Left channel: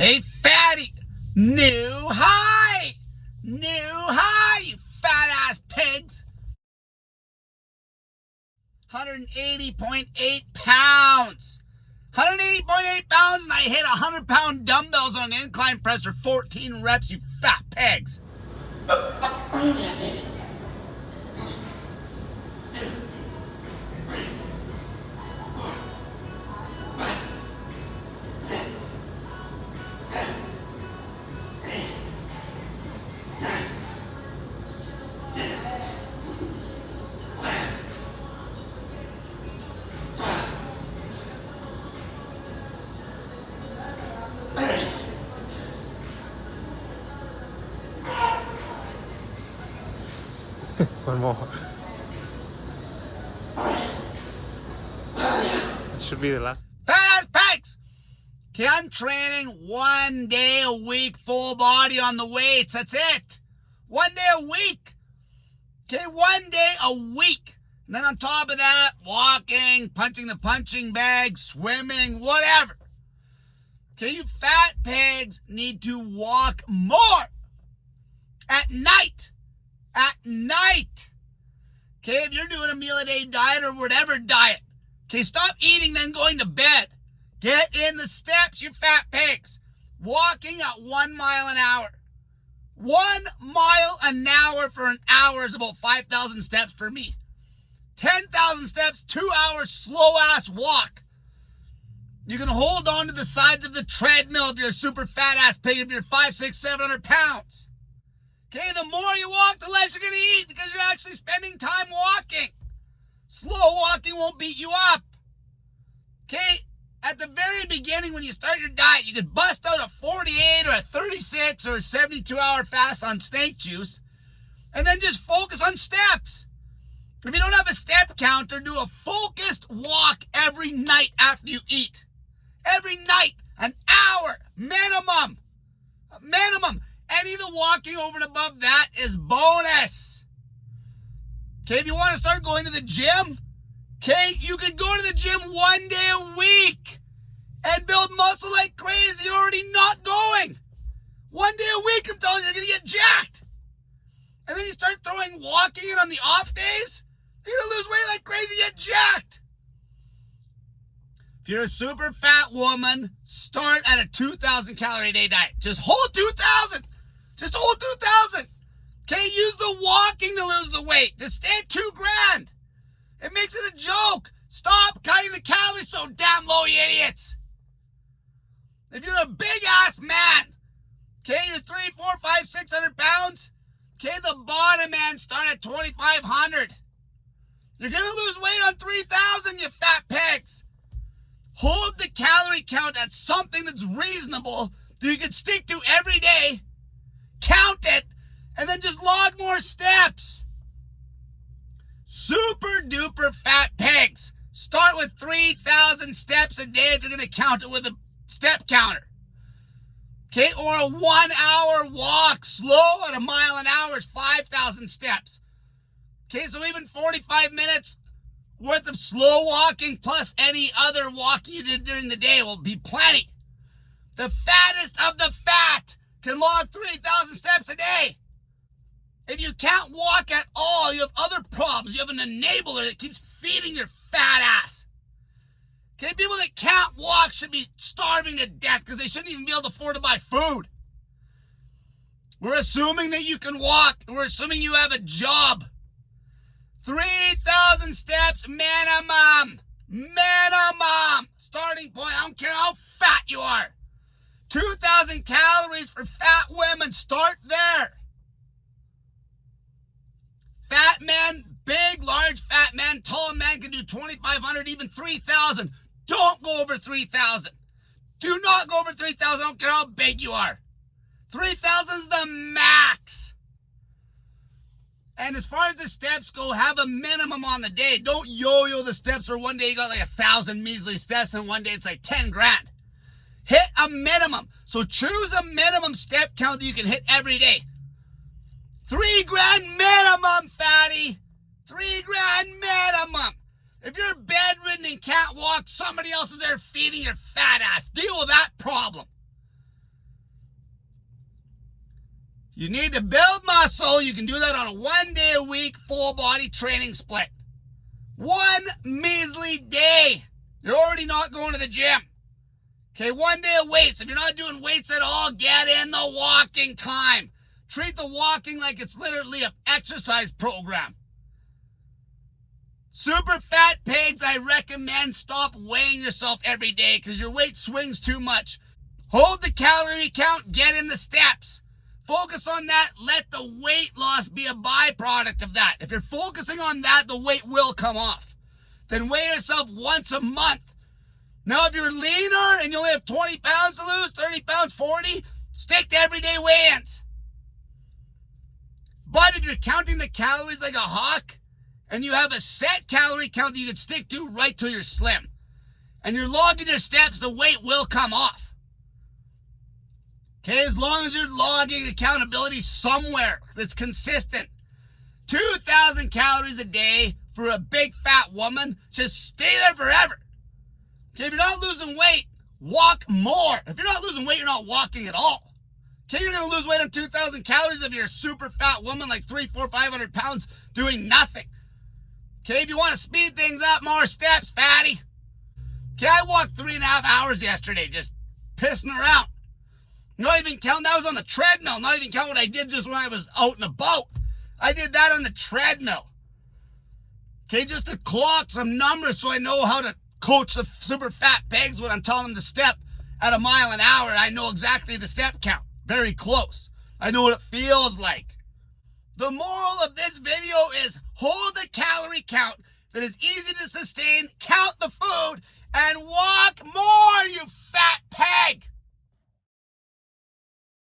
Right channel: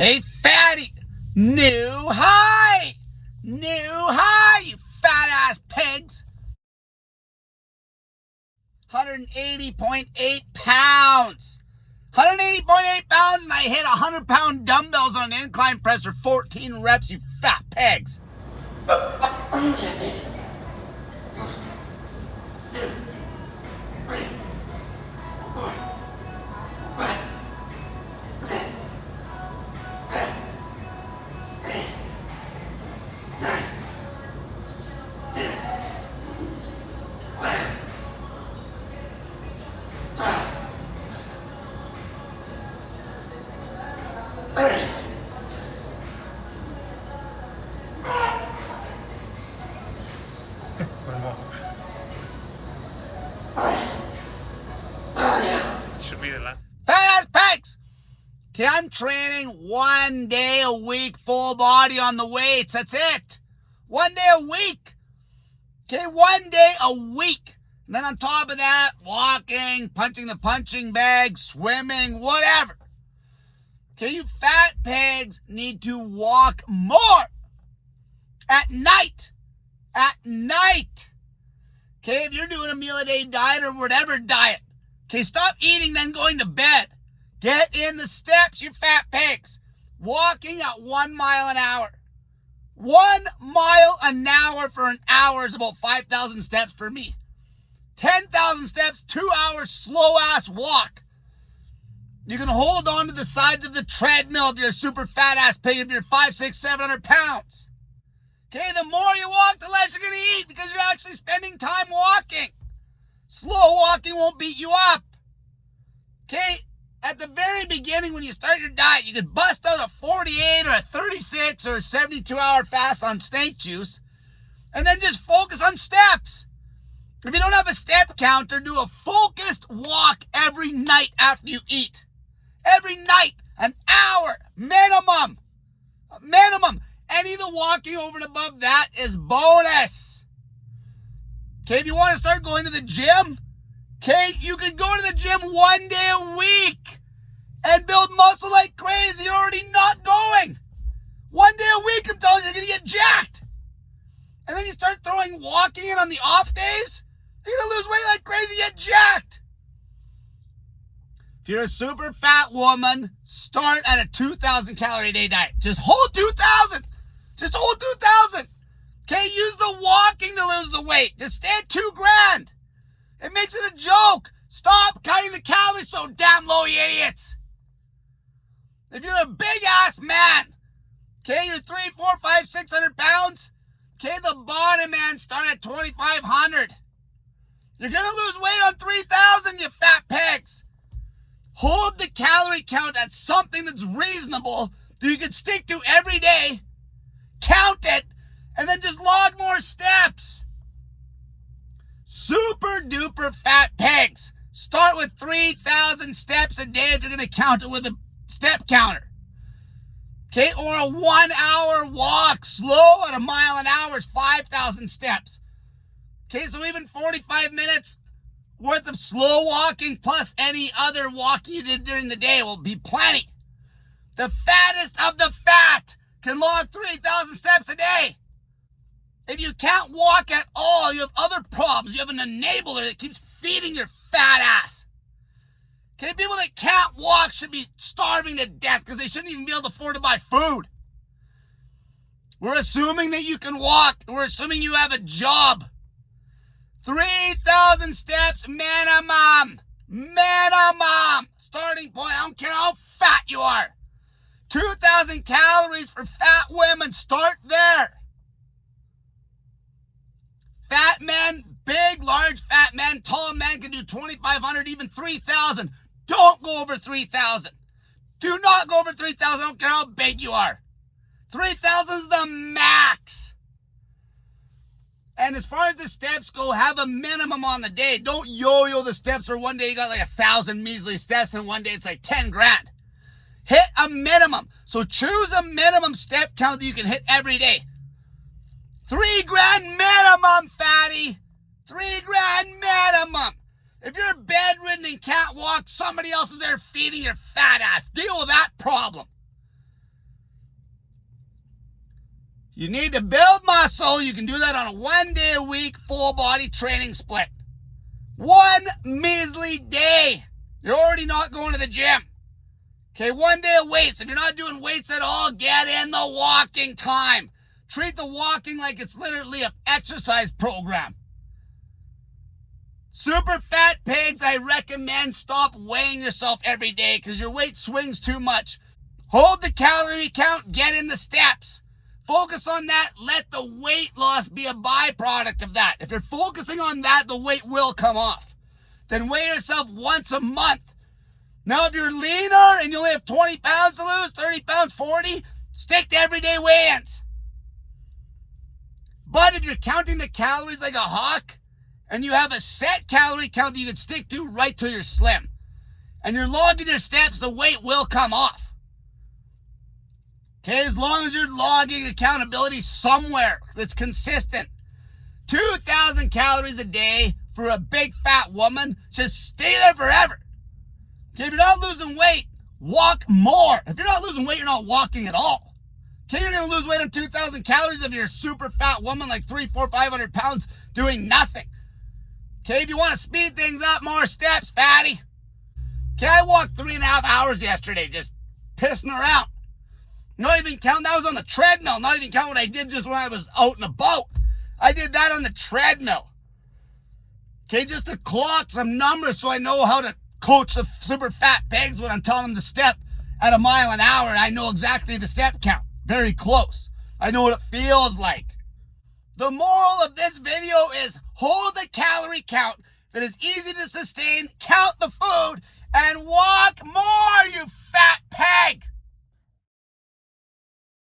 Hey, fatty, new high, you fat ass pigs. 180.8 pounds. 180.8 pounds, and I hit 100-pound dumbbells on an incline press for 14 reps, you fat pigs. One more. Should be the last. Fat ass pigs! Okay, I'm training 1 day a week, full body on the weights. That's it. 1 day a week. Okay, 1 day a week. And then on top of that, walking, punching the punching bag, swimming, whatever. Okay, you fat pigs need to walk more. At night. At night. Okay, if you're doing a meal a day diet or whatever diet. Okay, stop eating then going to bed. Get in the steps, you fat pigs. Walking at 1 mile an hour. 1 mile an hour for an hour is about 5,000 steps for me. 10,000 steps, 2 hours, slow ass walk. You can hold on to the sides of the treadmill if you're a super fat ass pig, if you're 500, 600, 700 pounds. Okay, the more you walk, the less you're going to eat because you're actually spending time walking. Slow walking won't beat you up. Okay, at the very beginning when you start your diet, you could bust out a 48 or a 36 or a 72-hour fast on snake juice and then just focus on steps. If you don't have a step counter, do a focused walk every night after you eat. Every night, an hour, minimum. Minimum. Any of the walking over and above that is bonus. Okay, if you want to start going to the gym, okay, you can go to the gym 1 day a week and build muscle like crazy. You're already not going. 1 day a week, I'm telling you, you're going to get jacked. And then you start throwing walking in on the off days, you're going to lose weight like crazy, get jacked. If you're a super fat woman, start at a 2,000 calorie a day diet. Just hold 2,000. Just hold 2,000. Okay, use the walking to lose the weight. Just stay at $2,000. It makes it a joke. Stop cutting the calories so damn low, you idiots. If you're a big ass man, okay, you're 300, 400, 500, 600 pounds, okay, the bottom man start at 2,500. You're going to lose weight on 3,000, you fat pigs. Hold the calorie count at something that's reasonable that you can stick to every day. Count it, and then just log more steps. Super duper fat pigs. Start with 3,000 steps a day if you're going to count it with a step counter. Okay, or a 1 hour walk. Slow at a mile an hour is 5,000 steps. Okay, so even 45 minutes worth of slow walking plus any other walking you did during the day will be plenty. The fattest of the fat can log 3,000 steps a day. If you can't walk at all, you have other problems. You have an enabler that keeps feeding your fat ass. Okay, people that can't walk should be starving to death because they shouldn't even be able to afford to buy food. We're assuming that you can walk. We're assuming you have a job. 3,000 steps minimum. Minimum. Starting point. I don't care how fat you are. 2,000 calories for fat women. Start there. Fat men, big, large fat men, tall men can do 2,500, even 3,000. Don't go over 3,000. Do not go over 3,000. I don't care how big you are. 3,000 is the max. And as far as the steps go, have a minimum on the day. Don't yo-yo the steps where one day you got like 1,000 measly steps and one day it's like 10 grand. Hit a minimum. So choose a minimum step count that you can hit every day. 3,000 minimum, fatty. 3,000 minimum. If you're bedridden and can't walk, somebody else is there feeding your fat ass. Deal with that problem. You need to build muscle. You can do that on a 1 day a week full body training split. One measly day. You're already not going to the gym. Okay, 1 day of weights. If you're not doing weights at all, get in the walking time. Treat the walking like it's literally an exercise program. Super fat pigs, I recommend stop weighing yourself every day because your weight swings too much. Hold the calorie count, get in the steps. Focus on that. Let the weight loss be a byproduct of that. If you're focusing on that, the weight will come off. Then weigh yourself once a month. Now, if you're leaner and you only have 20 pounds to lose, 30 pounds, 40, stick to everyday weigh-ins. But if you're counting the calories like a hawk and you have a set calorie count that you can stick to right till you're slim and you're logging your steps, the weight will come off. Okay, as long as you're logging accountability somewhere that's consistent. 2,000 calories a day for a big fat woman, just stay there forever. Okay, if you're not losing weight, walk more. If you're not losing weight, you're not walking at all. Okay, you're going to lose weight on 2,000 calories if you're a super fat woman like 300, 400, 500 pounds doing nothing. Okay, if you want to speed things up, more steps, fatty. Okay, I walked 3.5 hours yesterday just pissing around. Not even count, that was on the treadmill. Not even count what I did just when I was out and about. I did that on the treadmill. Okay, just to clock some numbers so I know how to coach the super fat pigs when I'm telling them to step at 1 mile an hour. I know exactly the step count. Very close. I know what it feels like. The moral of this video is hold the calorie count that is easy to sustain, count the food, and walk more.